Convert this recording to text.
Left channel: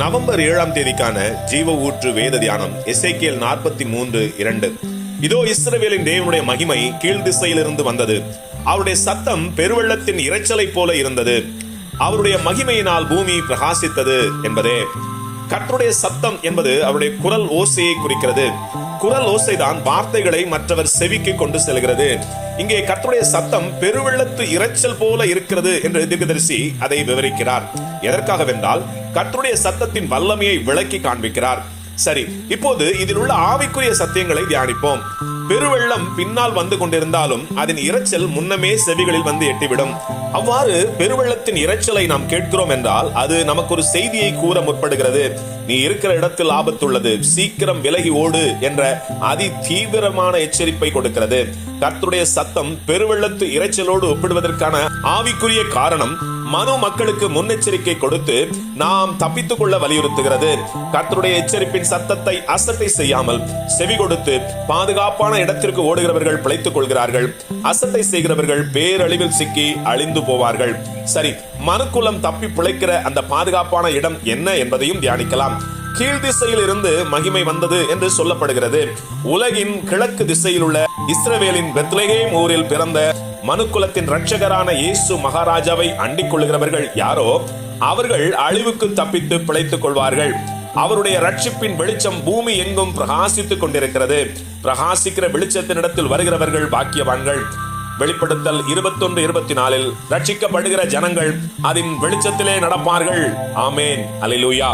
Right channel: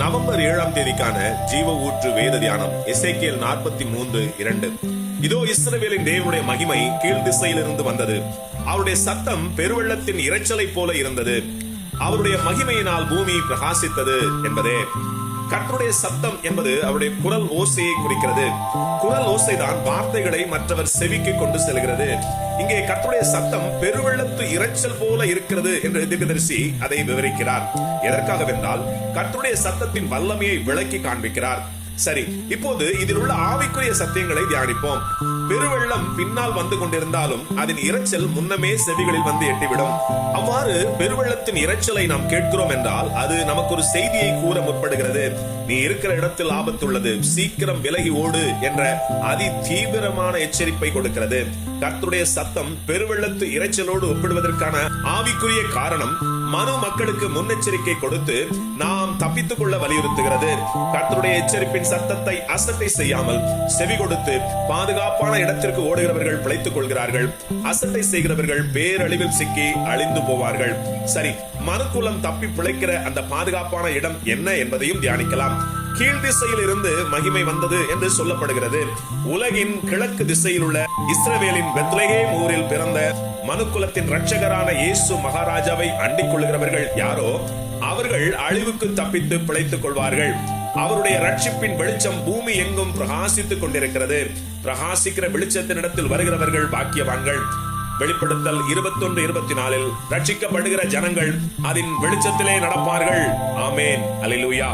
November 7ஆம் தேதிக்கான ஜீவ ஊற்று வேத தியானம் எசேக்கியேல் 43:2. இதோ இஸ்ரவேலின் தேவனுடைய மகிமை கீழ் திசையிலிருந்து வந்தது. அவருடைய சத்தம் பெருவெள்ளத்தின் இரைச்சலை போல இருந்தது. அவருடைய மகிமையினால் பூமி பிரகாசித்தது என்பதே. கர்த்தருடைய சத்தம் என்பது அவருடைய குரல் ஓசையை குறிக்கிறது. குரல் ஓசைதான் வார்த்தைகளை மற்றவர் செவிக்கு கொண்டு செல்கிறது. இங்கே கர்த்தருடைய சத்தம் பெருவெள்ளத்து இரைச்சல் போல இருக்கிறது என்று தீர்க்கதரிசி அதை விவரிக்கிறார். எதற்காகவென்றால் கர்த்தருடைய சத்தத்தின் வல்லமையை விளக்கி காண்பிக்கிறார். சரி, இப்போது இதில் உள்ள ஆவிக்குரிய சத்தியங்களை தியானிப்போம். பெருவெள்ளம் பின்னால் வந்து கொண்டிருந்தாலும் அதன் இரைச்சல் முன்னமே செவிகளில் வந்து எட்டிவிடும். அவ்வாறு பெருவெள்ளத்தின் இரைச்சலை நாம் கேட்கிறோம் என்றால் அது நமக்கு ஒரு செய்தியை கூற முற்படுகிறது. நீ இருக்கிற இடத்தில் ஆபத்துள்ளது, சீக்கிரம் விலகி ஓடு என்ற அதி தீவிரமான எச்சரிப்பை கொடுக்கிறது. கர்த்தருடைய சத்தம் பெருவெள்ளத்து இரைச்சலோடு ஒப்பிடுவதற்கான ஆவிக்குரிய காரணம் மனு மக்களுக்கு முன்னெச்சரிக்கை கொடுத்து நாம் தப்பித்துக் கொள்ள வலியுறுத்துகிறது. கர்த்தருடைய எச்சரிப்பின் சத்தத்தை அசட்டை செய்யாமல் செவி கொடுத்து பாதுகாப்பான இடத்திற்கு ஓடுகிறவர்கள் பிழைத்துக் கொள்கிறார்கள். அசட்டை செய்கிறவர்கள் பேரழிவில் சிக்கி அழிந்து போவார்கள். சரி, மனுக்குலம் தப்பி பிழைக்கிற அந்த பாதுகாப்பான இடம் என்ன என்பதையும் தியானிக்கலாம். கீழ் திசையில் இருந்து மகிமை வந்தது என்று சொல்லப்படுகிறது. உலகின் கிழக்கு திசையில் உள்ள இஸ்ரவேலின் பெத்லகேம் ஊரில் பிறந்த மனுக்குலத்தின் இரட்சகரான இயேசு மகாராஜாவை அண்டிக் கொள்கிறவர்கள் யாரோ அவர்கள் அழிவுக்கு தப்பித்து பிழைத்துக் கொள்வார்கள். அவருடைய ரட்சிப்பின் வெளிச்சம் பூமி எங்கும் பிரகாசித்துக் கொண்டிருக்கிறது. பிரகாசிக்கிற வெளிச்சத்தினிடத்தில் வருகிறவர்கள் பாக்கியவான்கள். வெளிப்படுத்தல் 21:24 ரட்சிக்கப்படுகிற ஜனங்கள் அதன் வெளிச்சத்திலே நடப்பார்கள். ஆமேன். அல்லேலூயா.